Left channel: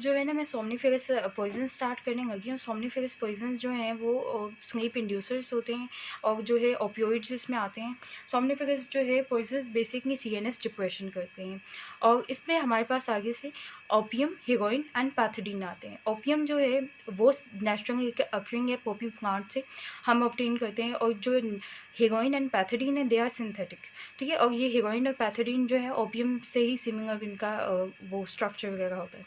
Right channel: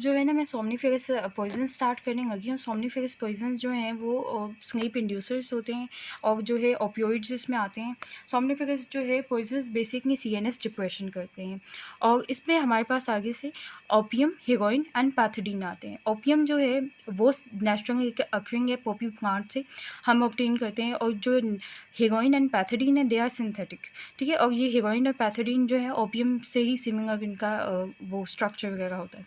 जो है ना मैं सोमनीफेरस पॉइजन स्टार्ट करने लगी हूँ। सोमनीफेरस पॉइजन जो हैं वो स्लीप इंड्यूसर्स होते हैं और जो है ओपियोइड्स इसमें आते हैं। सोमनीफेरस जो है पॉइजन बेसिकली सीएनएस डिप्रेशन करते हैं और इसमें हमारे पास आगे से ओपियम, हेरोइन एंड पैथोडीन आते हैं। ओपियम जो है वो नेचुरली अक्रिंग है पॉपी प्लांट से हम ऑब्टेन करते हैं और जो हेरोइन एंड पैथोडीन है दे आर सिंथेटिक, ठीक है। और ये हेरोइन और पैथोडीन जो है ओपियम से ही सिमिलर इनका वो स्ट्रक्चर वगैरह होता है।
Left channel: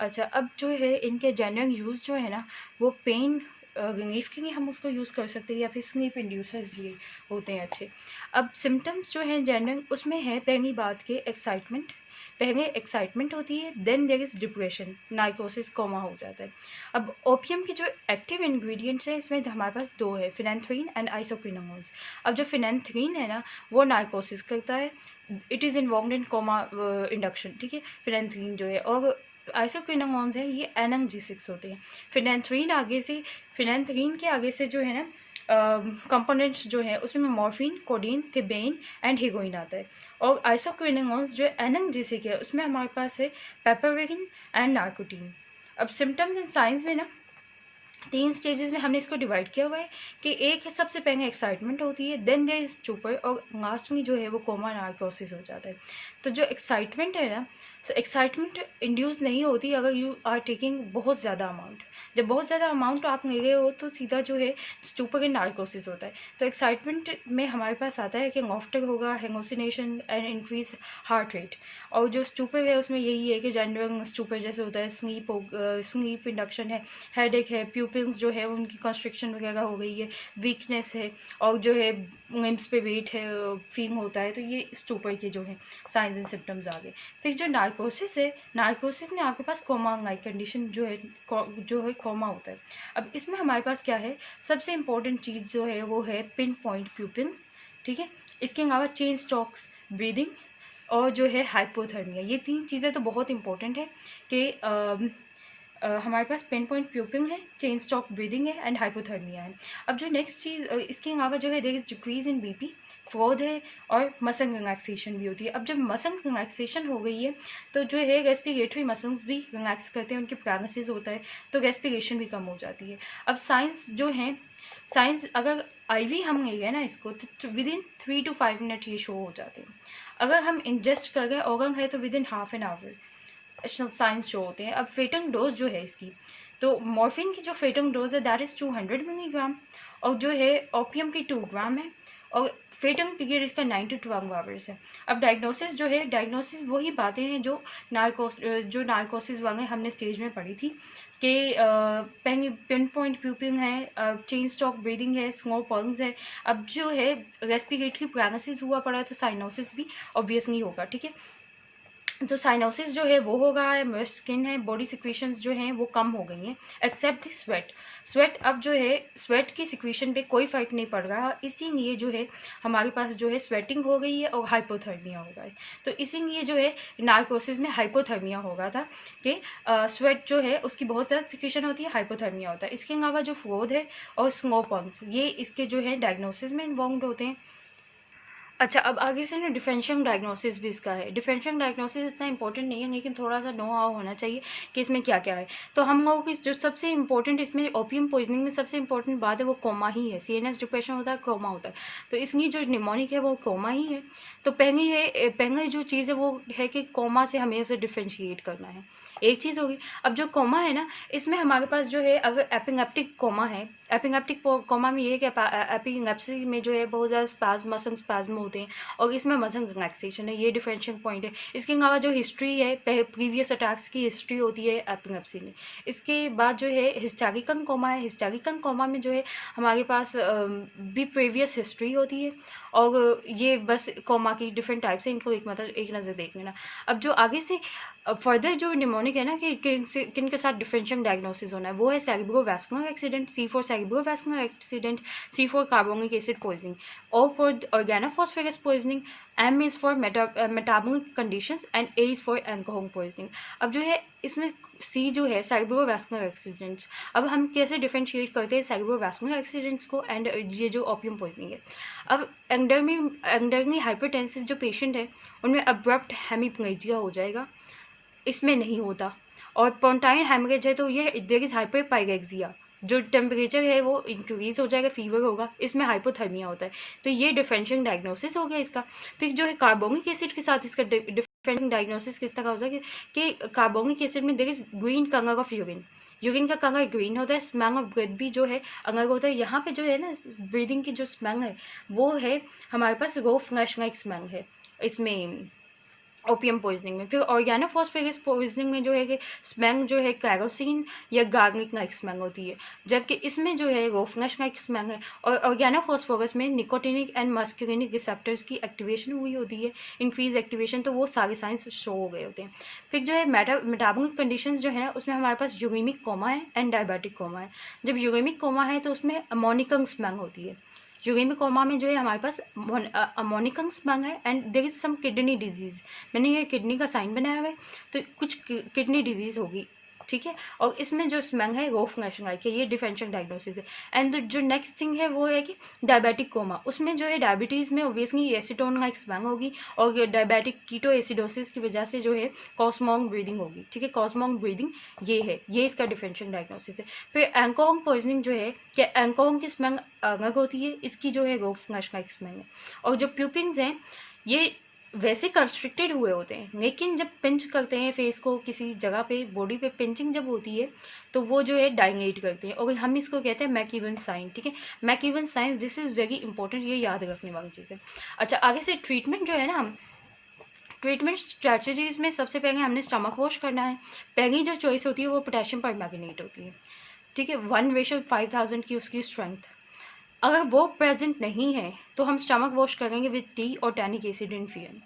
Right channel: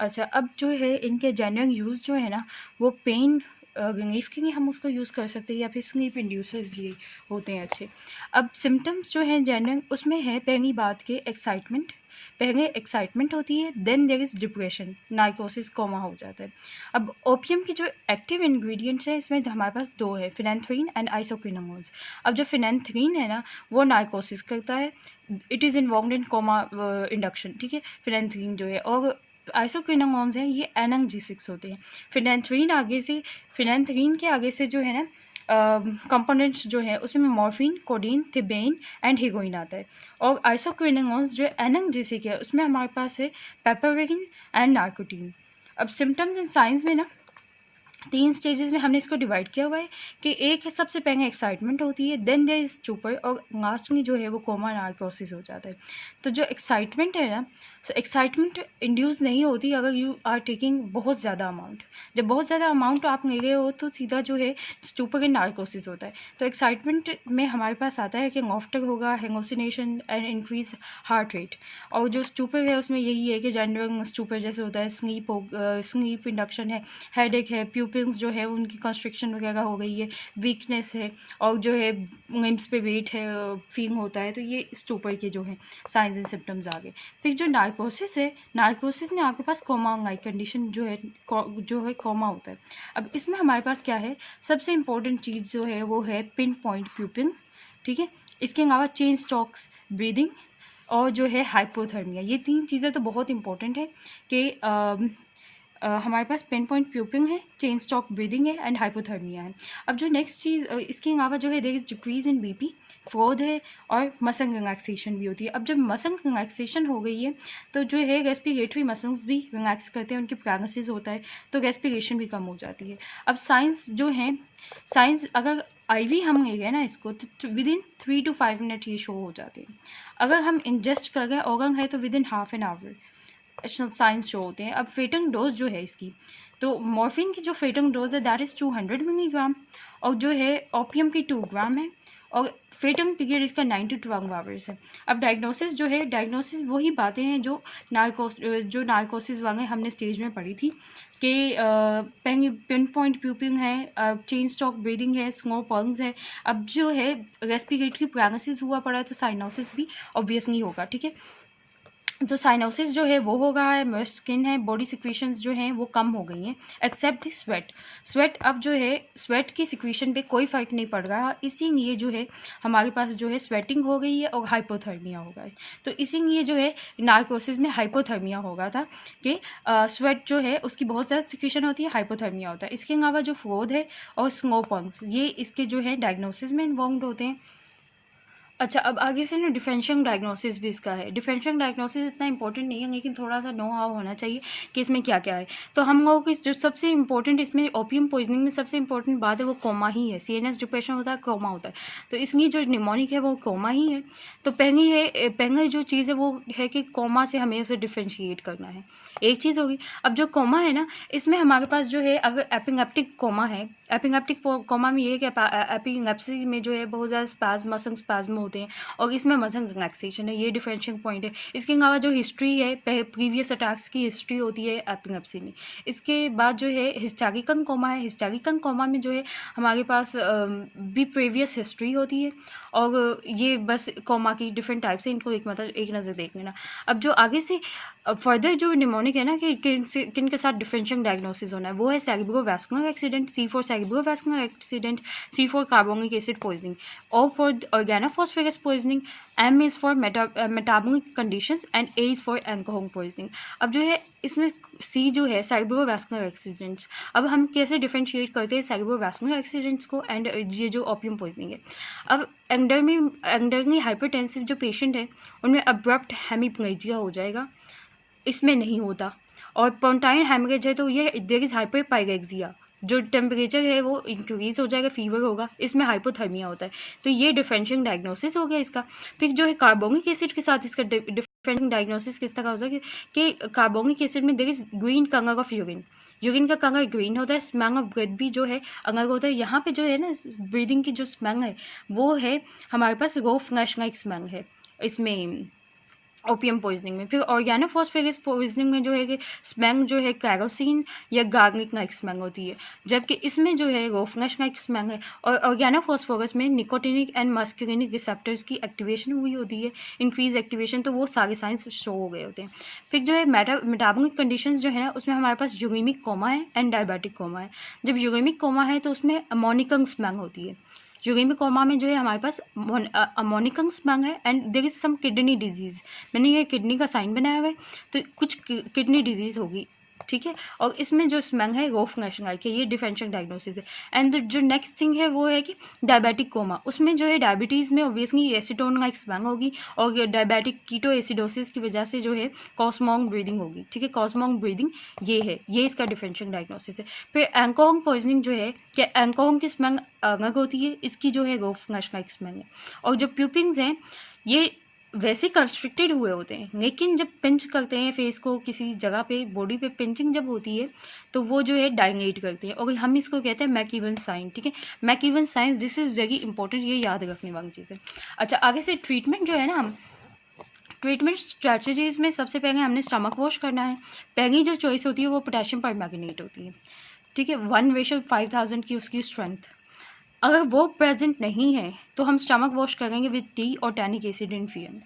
अच्छा, अब जो है इनके जनरल यूज़ जो है ना वो पेन रिलीफ के लिए हम उसको यूज़ कर सकते हैं या फिर स्लीप इंड्यूसर्स ये होते हैं अच्छे। अब सिम्टम्स जो हैं जनरल उसमें है पहली बात के एक्साइटमेंट, पहले एक्साइटमेंट होती है, then there is depression, narcosis, coma हो जाता है। अब ओपियम की जो एक्टिव इंग्रेडिएंट्स हैं इसमें हमारे पास दो है, फिनेंथ्रीन एंड आइसोक्विनोलोन्स। अब जो फिनेंथ्रीन है ना वो नाइकोसिस करता है, it is involved in coma induction, ठीक है, फिनेंथ्रीन जो है। और आइसोक्विनोलोन्स हैं ये एनएमजी6 होते हैं। फिनेंथ्रीन के आगे से जो है ना कंपोनेंट्स जो है उसमें मॉर्फिन, कोडीन, थिबेन एंड हेरोइन आता है। और आइसोक्विनोलोन्स जो एनएमजी6 है उसमें हमारे पास है पेपरवेरिन एंड नार्कोटीन। अब सिम्टम्स एंड साइंस में ना 3 स्टेजेस में हमने इसको डिवाइड किया हुआ है कि एक है सबसे पहले एक्साइटमेंट होती है, देन देयर इज स्टूपर और लास्ट में जो है वो कोमा नार्कोसिस हो जाता है। तो जो एक्साइटमेंट है ना, सो एक्साइटमेंट इंड्यूस नहीं होती अगर यू आर टेकिंग बहुत ज़्यादा अमाउंट। जब बहुत ज़्यादा अमाउंट आप ले रहे हो तो सीधा जो है स्टूपर एंड नार्कोसिस होता है। तो एक्साइटमेंट में हमारे पास आता है कि लॉफ्टर होगा, hallucination and increase heart rate. और जो स्टूपर है उसमें यही है कि जनरल स्टूपर जैसे होता है, स्लीप इंडक्शन है, हेडेक है, प्यूपिल्स जो है उनकी कंस्ट्रिक्शन वगैरह हो गई है, वीकनेस है और जो है लिम्स पे वेट है फील होता है। तो ये स्टूपर के जो है साइंस एंड सिम्टम्स आ गए। फिर जो नार्कोसिस है, नार्कोसिस में आपके पास कोमा लाइक कंडीशन जो है कोमा होता है। अब इसमें हमारे पास क्या है, सबसे इंपॉर्टेंट चीज़ जो है वो है पिन पॉइंट प्यूपिल, ठीक है। इसके अलावा चेन स्टॉक्स, ब्रीदिंग और जो है हाइपोथर्मिया, ये 3 चीज़ें तो बहुत इंपॉर्टेंट है कि हमारे पास पिन पॉइंट प्यूपिंग है, चेन स्टॉक ब्रीदिंग है एंड हाइपोथर्मिया है। अब जो नेक्स्ट चीज़ इसके अलावा जो है there is decrease in BP, fraud है और मसल रिलैक्सेशन भी होती है। अब जब मसल रिलैक्सेशन हो गई है तो जो है रेस्पिरेटरी मसल्स भी रिलैक्स करते हैं, उनकी पैरालिसिस होता है तो रेस्पिरेशन भी कम हो जाती है। अब साइंस जो है, साइंस अगर आईवी हम ले गए ना इसको तो विद इन 3 to 5 मिनट ये शो हो जाते हैं। अगर हम इंजेस्ट कर गए ऑर्गन है तो with in half an hour science show होते हैं। अब फेटम डोज जो है इसकी, तो मॉर्फिन की जो फेटम डोज है दैट इज़ 200 मिलीग्राम और जो है ओपियम की 2 ग्राम है और फेटम पीरियड इसका 9 to 12 आवर्स है। अब डायग्नोसिस जो है, डायग्नोसिस वही बातें हैं जो नार्कोसिस वाले हमने स्टेज में पढ़ी थी कि पिन पॉइंट प्यूपिंग है, चेन स्टॉक ब्रीदिंग है, स्लो पल्स है। अब जो है रेस्पिरेटरी पैरालिसिस हुआ पड़ा है तो साइनोसिस भी ऑब्वियसली होगा, ठीक है। तो साइनोसिस जो है वो हो रहा है, मॉइस्ट स्किन है, बॉडी सिक्वेशंस जो हैं वो कम हो गई हैं एक्सेप्ट द स्वेट। अब जो है स्वेट की सिक्वेशन पे कोई फ़र्क नहीं पड़ रहा, इसीलिए जो है हमारे पास जो है स्वेटिंग हो गई है और हाइपोथर्मिया हो गया है। तो इसीलिए जो है नार्कोसिस में हाइपोथर्मिया हो गया था कि स्वेट जो है उसकी बहुत ज़्यादा सिक्वेशन होती है, हाइपोथर्मिया होता है। इसके अलावा जो फ्लोड है और स्नो पॉन्स ये इसके जो है डायग्नोसिस में इन्वॉल्व होते हैं। अच्छा, अब आगे से ना डिफरेंशियल डायग्नोसिस भी इसका है। डिफरेंशियल डायग्नोसिस इतना इंपॉर्टेंट नहीं है लेकिन थोड़ा सा नो हाउ होना चाहिए कि इसमें क्या क्या है। तो हम लोगों की जो सबसे इंपॉर्टेंट इसमें ओपियम पॉइजनिंग में सबसे इंपॉर्टेंट बात है वो कोमा ही है। सीएनएस डिप्रेशन होता है, कोमा होता है, तो इसलिए जो निमोनिक है वो कोमा ही है। तो पहले जो चीज़ है वो है कि कोमा से हमें उसे डिफ्रेंशिएट करना है, एक चीज़ होगी। अब जो कोमा है ना इसमें हमारे पास जो है अगर एपिलेप्टिक कोमा है, एपिलेप्टिक कोमा में ये है कि एपिलेप्सी में जो है बहुत ज़्यादा स्पाज्म, मसल स्पाज्म होते हैं और इसमें मसल रिलैक्सेशन है, ये डिफरेंशियल पॉइंट है। इसके अलावा जो हिस्ट्री है, प्रीवियस अटैक्स की हिस्ट्री होती है एपिलेप्सी में। इसके बाद जो है हिस्टैरिकल कोमा है, हिस्टैरिकल कोमा में जो है हमारे पास भी प्रीवियस हिस्ट्री होती है और ये बस कोमा की डिफरेंट टाइप्स है, इनको एक नज़र देख लेना। अब जो आगे से फर्दर जो निमोनिक है ना कि किन के साथ डिफरेंशियल डायग्नोसिस होना है वो है cerebrovascular accident, C4 cerebrovascular accident, C4 carbonic acid poisoning, O for organophosphorus poisoning, M is for metabolic conditions and A is for alcohol poisoning। अब जो है इसमें C जो है सेरेब्रोवास्कुलर एक्सीडेंट्स, अब हम कैसे डिफरेंशिएट करते हैं सेरेब्रोवास्कुलर एक्सीडेंट्स को एंड ये जो ओपियम पॉइजनिंग है। अब एंडरली हाइपरटेंसिव जो पेशेंट है उनमें अब्रप्ट हेमीप्लेजिया हो जाएगा, इसमें नहीं होता। और पोंटाइन हेमरेज है तो ये देयर इज हाइपरपाइरेक्सिया, जो टेम्परेचर है वो इंक्रीज हो जाएगा, फीवर होगा, इसमें हाइपोथर्मिया होता है। तो ये डिफरेंशियल डायग्नोसिस हो गया इसका। फिर जो है कार्बोनिक एसिड के साथ इसका डिफरेंशियल डायग्नोसिस किस तरह हो जाएगा कि कार्बोनिक एसिड में there is green colour of urine, urine का कलर ग्रीन होता है, स्मेल ऑफ ब्रेथ भी जो है अलग होता है। यहाँ पे जो है ना ब्रीदिंग की जो स्मेल है वो है हमारे पास रो फ्लैश लाइक स्मेल है इसमें ओपियम पॉइजनिंग में। फिर ऑर्गेनोफॉस्फेरस पॉइजनिंग में जो है कि स्मेल जो है कैरोसिन या गार्लिक लाइक स्मेल होती है, जबकि इसमें जो है रोफनेश लाइक स्मेल है। और ऑर्गेनोफॉस्फोरस में निकोटिनिक एंड मस्कुलिनिक रिसेप्टर्स की एक्टिवेशन हुई होती है, इंक्रीज एक्टिवेशन, तो वो सारे साइंस शो हो गए होते हैं। फिर जो है मेटाबॉलिक कंडीशंस जो है ना उसमें हमारे पास यूरेमिक कोमा है एंड डायबिटिक कोमा है। जब यूरेमिक कोमा है तो उसमें अमोनिकम स्मेल होती है, यूरेमिक कोमा में जो है हमारे पास अमोनिकम स्मेल है and there is some kidney disease. मैंने ये किडनी का साइन बनाया हुआ है, तो कुछ किडनी डिजीज होगी, ठीक है। और इसमें जो स्मेल है रोफ नेशनल है, ये डिफरेंशियल डायग्नोसिस है। एंड जो नेक्स्ट थिंग है वो है कि डायबिटिक कोमा, उसमें जो है डायबिटीज़ में ओबियसली एसीटोन लाइक स्मेल होगी और डायबिटिक कीटो एसिडोसिस की वजह से जो है कॉस्मोंग ब्रीदिंग होगी, ठीक है। कॉस्मोंग ब्रीदिंग ये है, ये इसका डिफरेंशियल डायग्नोसिस है। फिर एंकोंग पॉइजनिंग जो है कि एंकोंग की स्मेल अलग होती है, इसकी जो है रोफ नेशनल स्मेल है। और जो प्यूपिंग्स हैं ये वैसे कंस्ट्रिक्टेड हुए होते हैं, लेकिन जब पिंच करते हैं फेस को किसी जगह पे, बॉडी पे पिंचिंग जब होती है तो वो जो है डायलेट करते हैं और हम इसको कहते हैं मैकीवन साइन, ठीक है। McEwen sign, this is very important, ये याद रखने वाली चीज़ है। अच्छा, आगे से ट्रीटमेंट जो है ना, हम ट्रीटमेंट स्ट्रैटेजीज में सबसे पहले हमने स्टमक वॉश करना है। पहली जो चॉइस होती है वो पोटेशियम परमैंगनेट होती है, ठीक है, 1:5000 की उसकी स्ट्रेंथ। अगर वो प्रेजेंट नहीं है तो हम स्टमक वॉश करेंगे विद टी और टैनिक एसिड इन फीएम।